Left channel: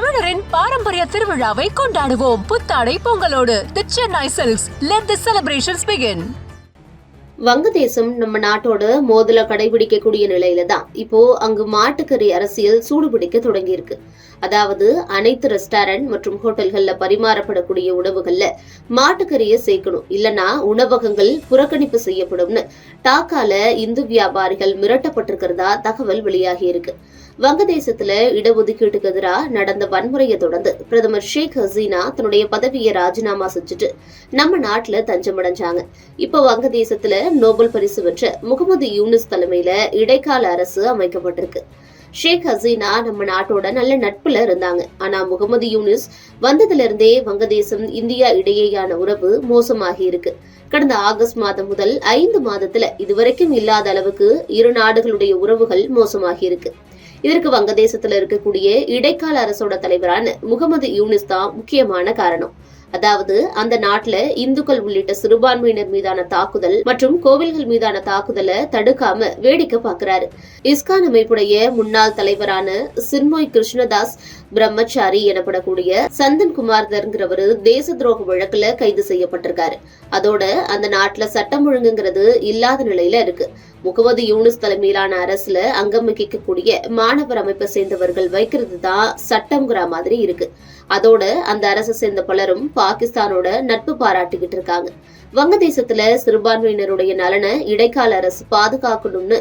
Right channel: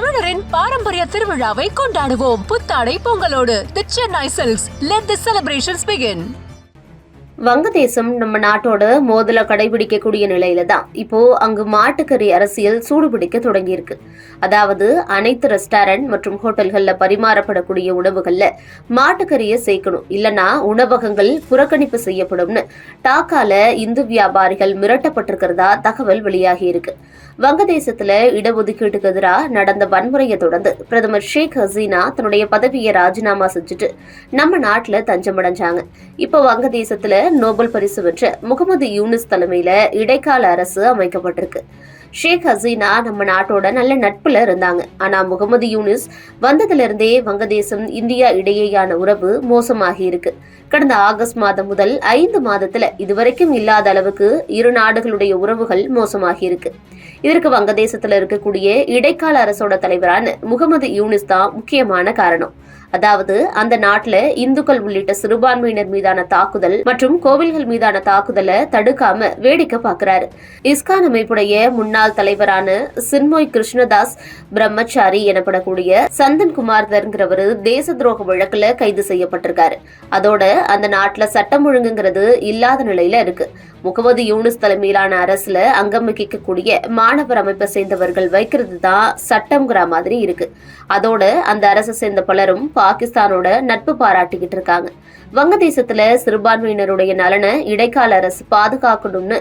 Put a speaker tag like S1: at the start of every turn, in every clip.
S1: தமிழரின் பாரம்பரிய திருவிழாவை கொண்டாடுவோம். புத்தாடை பொங்கலோடு the Chennai silks let the celebrations begin
S2: வங்கதேசம் நம்ம நாட்டோட மோதல கடைபிடிக்கக்கூடிய நிலையில தான் இப்போ அங்கு மாட்டுக்கறி அரசியல் சூடுபிடிக்க தொடங்கியிருக்கு. அதாவது அனைத்து ரெஸ்டாரண்ட் மற்றும் ஹோட்டல்கள்ல பரிமாறப்படக்கூடிய உணவுகள்ல மாட்டுக்கறியை சேர்க்கணும். இல்லனா உணவகங்கள் புறக்கணிப்பு செய்யப்படும்னு டாக்கால இந்து வியாபாரிகள் மிரட்டப்பட்டிருக்கிறதா தகவல் வெளியாகி இருக்கு. வங்கதேசத்துல இடஒதுக்கீட்டுக்கு எதிராக நடந்த வன்முறையை தொடர்ந்து பிரதமர் ஷேக் ஹசீனா தன்னுடைய பதவியை ராஜினாமா செஞ்சுட்டு நம்ம நாட்டுல தஞ்சமடைஞ்சாங்க. இப்ப வங்கதேசத்துல நோபல் பரிசு பெற்ற முகமது யூனிஸ் தலைமையில இடைக்கால அரசு அமைக்கப்பட்டிருக்கு. ஷேக் ஹசீனா நம்ம நாட்டோட நல்ல நட்புல இருந்தாங்க. ஆனா முகமது யூனிஸ் வந்ததுல இருந்தே வங்கதேசம் இந்தியா இடையேயான உறவு மோசமாகி இருக்கு. கடந்த ஆகஸ்ட் மாதம் முதல் ஐந்து மாதத்துல இதுவரைக்கும் இல்லாத அளவுக்கு இரு நாடுகளுடைய உறவுகள் மோசமாகி இருக்கு. இதற்கு வங்கதேசத்துல இருக்கக்கூடிய இடைக்கால அரசோட தலைவரான முகமது யூனிஸ் தான் முக்கியமான காரணம். அதாவது அந்த நாட்டுல இந்துக்கள் உள்ளிட்ட சிறுபான்மையினர் மீதான தாக்குதல் மற்றும் கோவில்கள் மீதான தாக்குதலை தடுக்காம வேடிக்கை பாக்குறாரு இஸ்கான் அமைப்புடைய முன்னாள் தலைவரான சின்மோய் கிருஷ்ணதாஸ் பிரம்மச்சாரி எனப்படக்கூடிய சந்தன் குமார்தர்ங்கிறவரு தேச துரோக வழக்குல கைது செய்யப்பட்டிருக்காரு. அதோட அந்த நாட்டுல சட்டம் ஒழுங்குங்கிறது இல்லாத நிலையில இருக்கு. முகமது யூனிஸ் தலைமையிலான அரசுல அங்கம் வகிக்கக்கூடிய மாணவர் அமைப்பை சேர்ந்தவர்கள் வைக்கிறது தான் சட்டம்ங்கிற மாதிரி இருக்கு. அதோட அந்த அரசை சேர்ந்த பலரும் பாகிஸ்தானோட நட்பு பாராட்டிக்கிட்டு இருக்காங்க. வங்கதேசத்துல சிறுபான்மையினருடைய நலனை இடைக்கால அரசு பாதுகாக்கணும்னு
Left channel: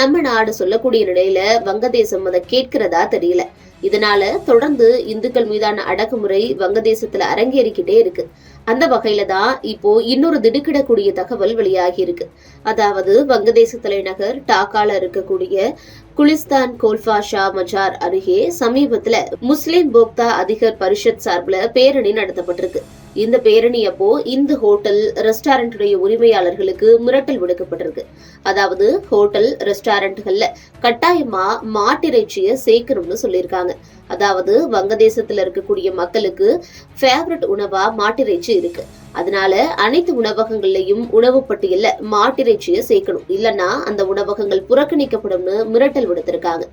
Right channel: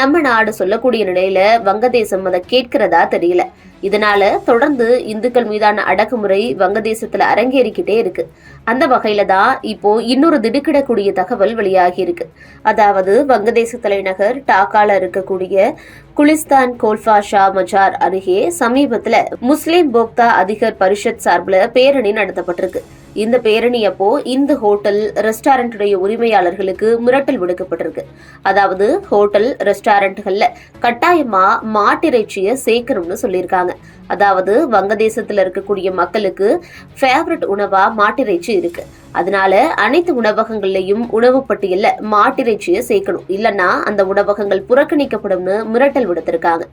S2: நம்ம நாடு சொல்லக்கூடிய நிலையில வங்கதேசம் அதை கேட்கிறதா தெரியல. இதனால தொடர்ந்து இந்துக்கள் மீதான அடக்குமுறை வங்கதேசத்துல அரங்கேறிக்கிட்டே இருக்கு. அந்த வகையில தான் இப்போ இன்னொரு திடுக்கிடக்கூடிய தகவல் வெளியாகி இருக்கு. அதாவது வங்கதேச தலைநகர் டாக்கால இருக்கக்கூடிய குலிஸ்தான் கோல்ஃபா ஷா மஜார் அருகே சமீபத்துல முஸ்லிம் போக்தா அதிகர் பரிஷத் சார்பில் பேரணி நடத்தப்பட்டிருக்கு. இந்த பேரணி அப்போ இந்த ஹோட்டல் ரெஸ்டாரண்ட்டுடைய உரிமையாளர்களுக்கு மிரட்டல் விடுக்கப்பட்டிருக்கு. அதாவது ஹோட்டல் ரெஸ்டாரண்ட்கள்ல கட்டாயமா மாட்டிறைச்சியை சேர்க்கணும்னு சொல்லியிருக்காங்க. அதாவது வங்கதேசத்துல இருக்கக்கூடிய மக்களுக்கு ஃபேவரட் உணவா மாட்டிறைச்சி இருக்கு. அதனால அனைத்து உணவகங்கள்லயும் உணவு பட்டியல மாட்டிறைச்சியை சேர்க்கணும். இல்லனா அந்த உணவகங்கள் புறக்கணிக்கப்படும்னு மிரட்டல் விடுத்திருக்காங்க.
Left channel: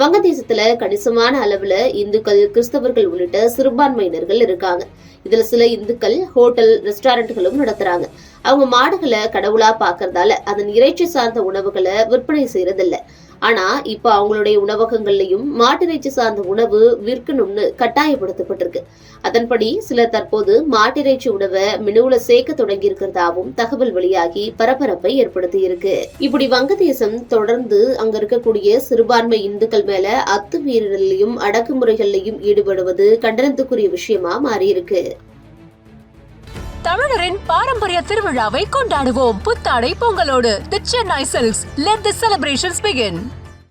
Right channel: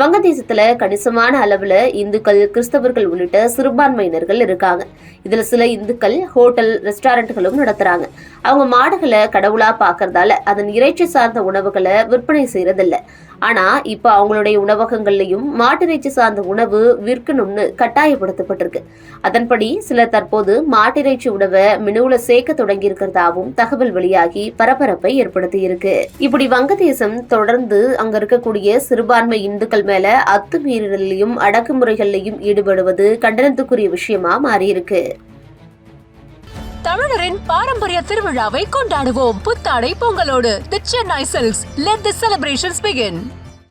S2: வங்கதேசத்துல கணிசமான அளவுல இந்துக்கள் கிறிஸ்தவர்கள் உள்ளிட்ட சிறுபான்மையினர்கள் இருக்காங்க. இதுல சில இந்துக்கள் ஹோட்டல் ரெஸ்டாரண்ட்களும் நடத்துறாங்க. அவங்க மாடுகளை கடவுளா பாக்குறதால அதன் இறைச்சி சார்ந்த உணவுகளை விற்பனை செய்யறதில்லை. ஆனா இப்ப அவங்களுடைய உணவகங்கள்லயும் மாட்டிறைச்சி சார்ந்த உணவு விற்கணும்னு கட்டாயப்படுத்தப்பட்டிருக்கு. அதன்படி சிலர் தற்போது மாட்டிறைச்சி உணவை மெனுவில் சேர்க்க தொடங்கி இருக்கிறதாவும் தகவல் வெளியாகி பரபரப்பை ஏற்படுத்தி இருக்கு இப்படி வங்கதேசம் தொடர்ந்து அங்க இருக்கக்கூடிய சிறுபான்மை இந்துக்கள் மேல அத்துமீறலையும் அடக்குமுறைகள்லையும் ஈடுபடுவது கண்டனத்துக்குரிய விஷயமா மாறியிருக்கு.
S1: தமிழரின் பாரம்பரிய திருவிழாவை கொண்டாடுவோம். புத்தாடை பொங்கலோடு the Chennai silks let the celebrations begin